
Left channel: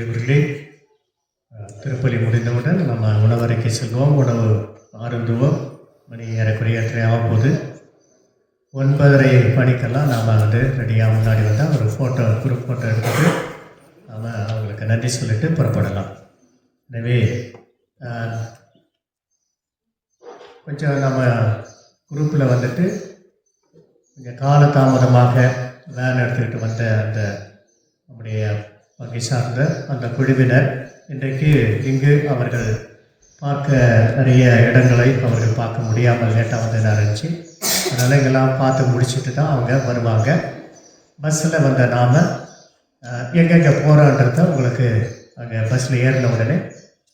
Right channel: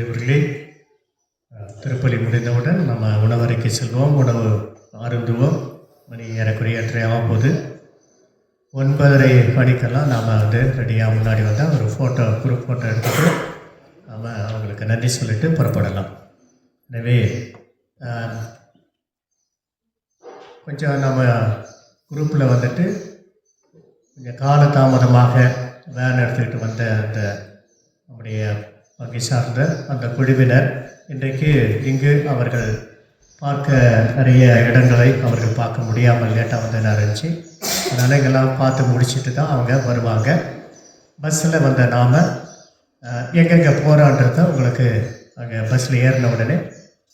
இவர்களே திருப்பலி முடிந்தவுடன் நம்ம உணவறைக்கு செல்வோம், உணவு அருந்துவோம். மணி ஏறக்குறைய 8:30 ஆகும்போது 9:30 மணிக்கெல்லாம் நாம் வந்து ரெடியாக முன்னாடி வந்தால் ஒரு குரூப் ஃபோட்டோ எடுத்துகிட்டு நாம் அவங்களுக்கு நன்றி சொல்லிட்டு புறப்படலாம். எனவே கொஞ்சம் நம்ம குரூப்பில் வந்துட்டு கொஞ்சம் காலதாமதமாக வேன் எடுத்துக்கிட்டு வந்த அந்த நம்முடைய வங்கி சார்ந்த அந்த குழுவினர் இன்றைக்கு இங்கு அவர்கள் பார்க்க நிறைய இடங்களை அவர்கள் பார்க்க முடியாமல் லேட்டாக வந்து இருந்துச்சு. அதனால் எங்கெல்லாம் பார்த்து முடிச்சுட்டு தான் அவங்க வருவாங்க. பஸ்ஸில் வந்த நாம் எங்கெங்கே போகிறான்றத உங்களுக்கு அங்கே பஸ்ஸில் ஏறின உடனே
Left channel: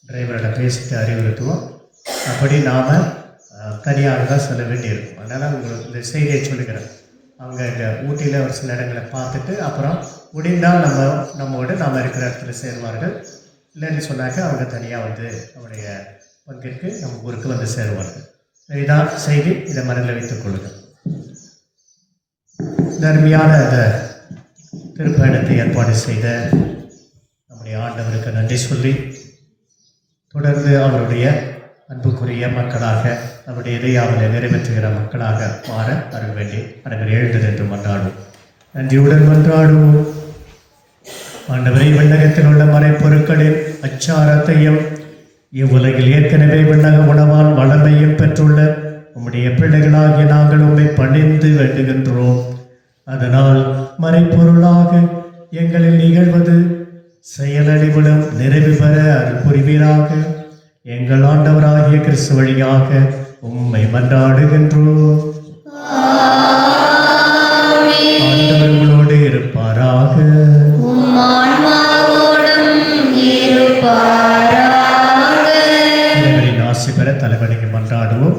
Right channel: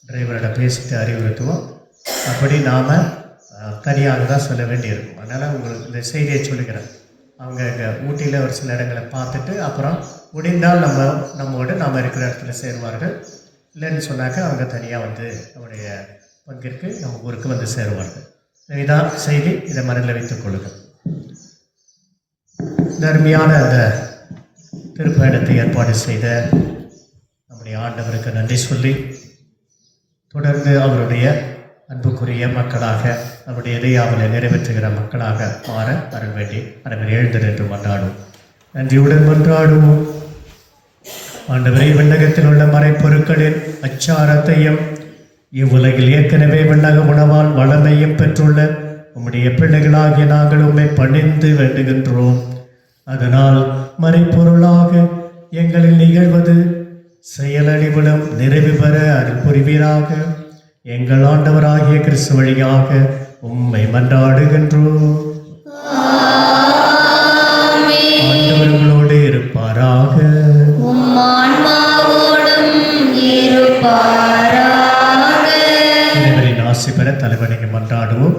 டிரைவரோட பேசிட்டு அறிவுறுத்துவோம். அப்படி நாம் தனியாக தான் சொல்ல வேண்டியிருக்கும். அதனால் உங்களுக்கு இந்த செய்தியை சொல்லுகிறேன். அவங்க இங்கே ஊட்டியில் ஒரு சில இடங்களை பார்த்துட்டு அப்புறம் முடிந்தால் நம்மோடு நாம் இருக்கிற இடத்துல சேருவார்கள். இல்லைன்னு சொன்னாக்க அவங்க தனியாக வந்து நம்முடைய பங்கிற்கு நம்ம ஊருக்கு வந்து சேருவார்கள். இதான் செய்தி. இதை மனதில் வைத்துக் கொள்ளுங்கள். தர்மியான அந்த திருப்பயணத்தை ஏற்பாடு செய்த நம்முடைய ஆண்டவருக்கு நன்றி சொல்லி தொடர்ந்து அவருடைய அன்புக்குரிய மக்களாக அவருடைய இறையாவலை நிறைவேற்றுகிற மக்களாக மாற வர வேண்டி அனைவரும் எழுந்தது என்று மன்றாடுவோம். நன்றியுடன் மன்றாடுவோம். ஆண்டவரை விண்ணகத்தில் உள்ள மறைப்பொருட்களின் அச்சாரத்தையும் இவ்வுலகில் ஏற்கனவே விண்ணக உணவால் வளமையும் பெற்றுள்ள உம்முடைய பிள்ளைகளாகிய நாங்கள் உம்மை பணிந்து வேண்டுகின்றோம். அதனால் மறைப்பொருளாக எங்களில் நிகழ்வது செயலறிவிலும் நிறைவு பெற அருள் புரிவீராக. எங்கள் ஆண்டவராகிய கிறிஸ்து வழியாக உம்மை மன்றாடுகின்றோம். ஆண்டவர்களோடு இருப்பாராக. ஆசி பெற தலைவனுக்கு மன்றாடுவோம்.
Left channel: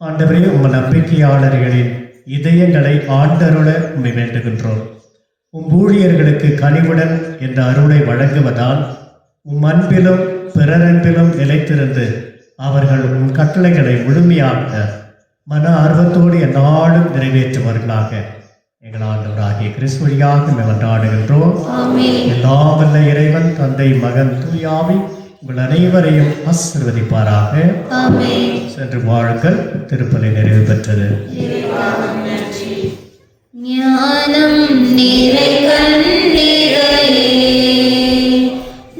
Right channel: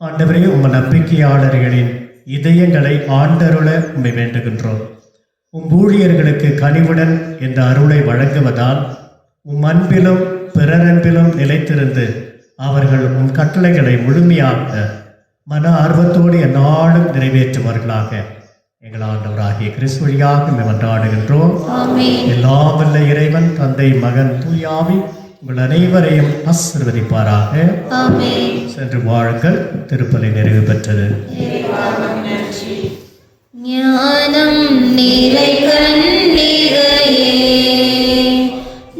ஆண்டவரே, உங்கள் நம்பிக்கையாளர்களின் இதயங்களை ஆண்டருள உம்மை வேண்டுகின்றோம். உம் ஊழியர்களுக்கு கனிவுடன் என்ற அருளை வழங்குவதால் உம் அன்பிலும் பிறரன்பிலும் நிலைத்திருந்து அவர்கள் உன் கட்டளைகளை முழுமையாக மன ஆர்வத்தோடு எந்நாளும் நிறைவேற்றுவார்களாக. எங்கள் ஆண்டவராகிய கிறிஸ்து வழியாக மன்றாடுகின்றோம். எல்லாம் வல்ல இறைவன் தந்தை மகன் தூய ஆவி உங்கள் அனைவரையும் ஆசீர்வதிப்பாராக. சென்று வாழுங்கள். திருப்பலி நிறைவு பெற்றது. ஞானம் நிறை கண்ணீரையே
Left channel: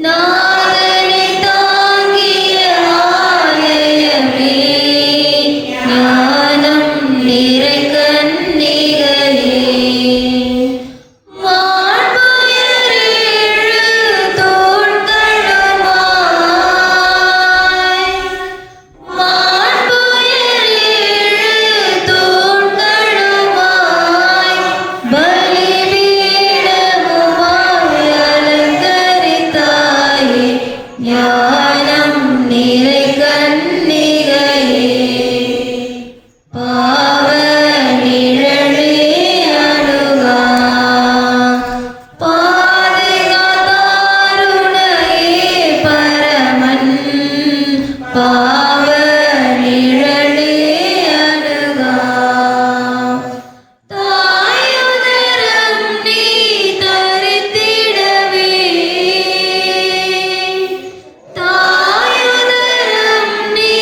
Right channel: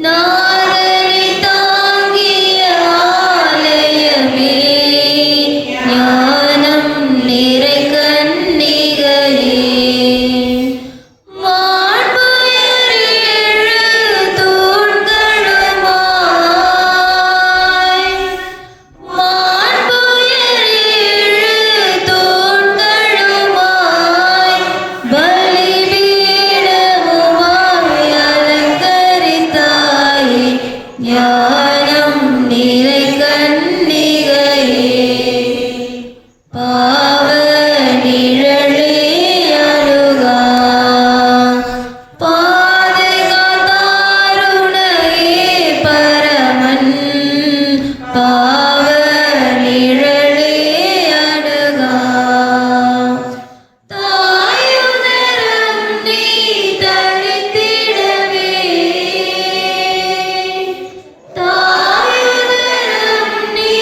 நாரணி தாங்கிய ஆலயமே, ஞானம் நிறை கண்ணீரையே மாண்புயரேழு தோள்களுமாய், மாண்புயரேழு தோள்களுமாய் பலிபீடமுமாய் அலங்கரித்தாயே, ஞானம் நிறை கன்னிகையே. பாவ நிழலே அணுகா பாதுகாத்தாருணையே பரமன், பாவ நிழலே அணுகா தாயுதரம் நீ தரித்திடவே, தாயுதரம் நீ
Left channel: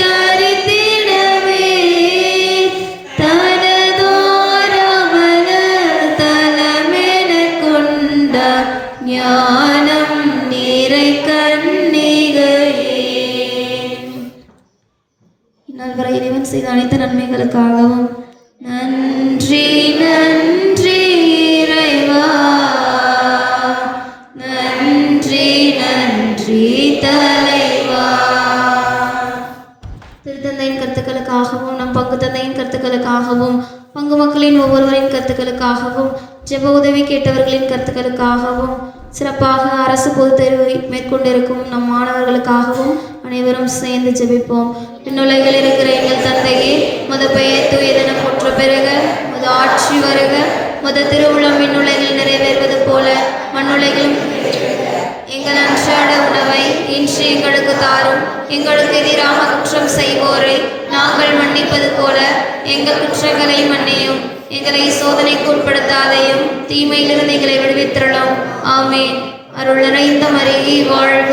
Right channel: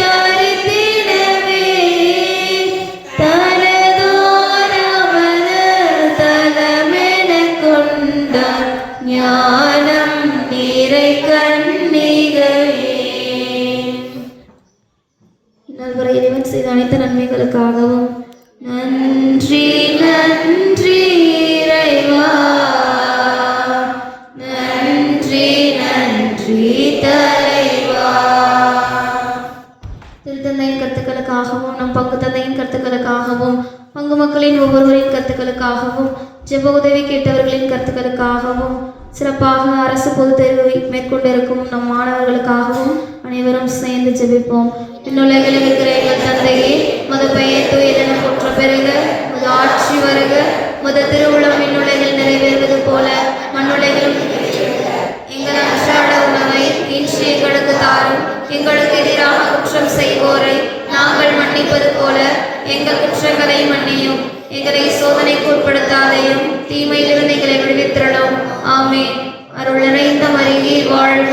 தரித்திடவே தனதோரமல தலமென கொண்ட ஞானம் நிறை கன்னிகையே. இன்னொரு இறைவன் செய்த அனைத்து நன்மைகளுக்காகவும் நன்றி நன்றி இறைவா, நன்றி நன்றி தலைவா. திருத்தந்தையின் கருத்துக்களுக்காகவும் நம் பங்கு தந்தையின் கருத்துக்களுக்காகவும் பங்கு மக்களின் ஒவ்வொருவரின் கருத்துக்களுக்காகவும் ஜெப உதவி கேட்டவர்களின் கருத்துக்களுக்காகவும் சிறப்பாக அரசு பொதுத் தேர்வை மேற்கொண்டிருக்கும் நம் மாணவர்களுக்காகவும் அனைவரும் சேர்ந்து ஜெபிப்போம். விண்ணுலகில் இருக்கிற எங்கள் தந்தையே, உமது பெயர் தூயதென போற்ற பெறுக, உமது ஆட்சி வருக, உமது திருவுளம் விண்ணுலகில் நிறைவேறுவது போல மண்ணுலகிலும் எங்கள் அன்றாட உணவை இன்று எங்களுக்கு தாரும். எங்களுக்கு எதிராக குற்றம் செய்வோரை நாங்கள் மன்னிப்பது போல எங்கள் குற்றங்களை மன்னியும். எங்களை சோதனைக்கு உட்படுத்தாதையும் தீமையிலிருந்து எங்களை விடுவித்திரளும். ஆமென். அருள் நிறைந்த மரியே வாழ்க,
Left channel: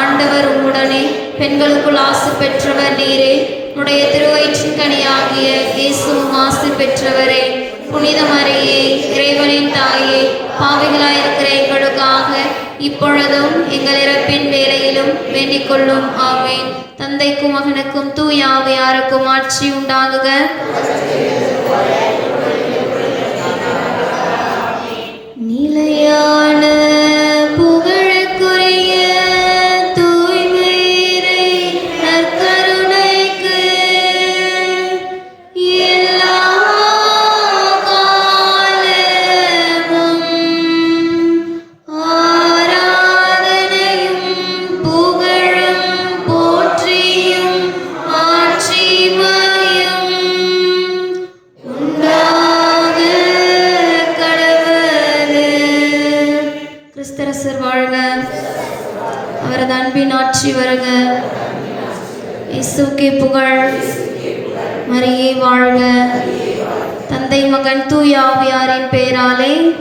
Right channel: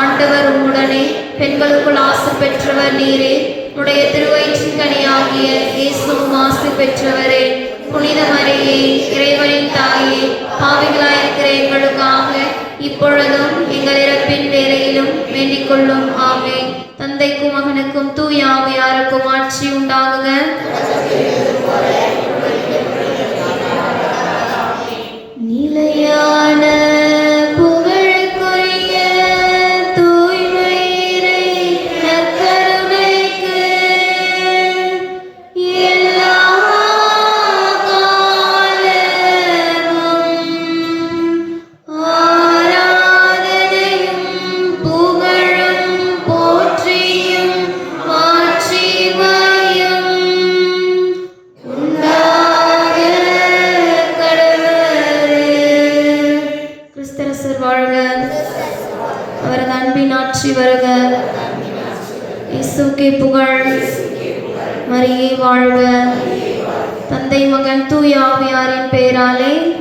ஆண்டவர் உம்முடனே, பெண்களுக்குள் ஆசி பெற்றவர் நீரே. உடைய திருவயிற்றின் கனியாகிய இயேசுவும் ஆசி பெற்றவரே. புனித மரியே, இறைவனின் தாயே, பாவிகளாயிருக்கிற எங்களுக்காக இப்பொழுதும் எங்கள் இறப்பின் வேளையிலும் வேண்டிக் கொள்ளும். ஆமென். தந்தைக்கும் மகனுக்கும் தூய ஆவியாருக்கும் ஆட்சி உண்டாகுக. நிலையான புகழுக்குரிய தூய்மை இறை கிறிஸ்தரசர் வாழ்க. அவரது அன்பின் ஆட்சி வருக. இயேசுவுக்கே புகழ். மரியே வாழ்க. தந்தை மகன் தூய ஆவியாரின் பெயராலே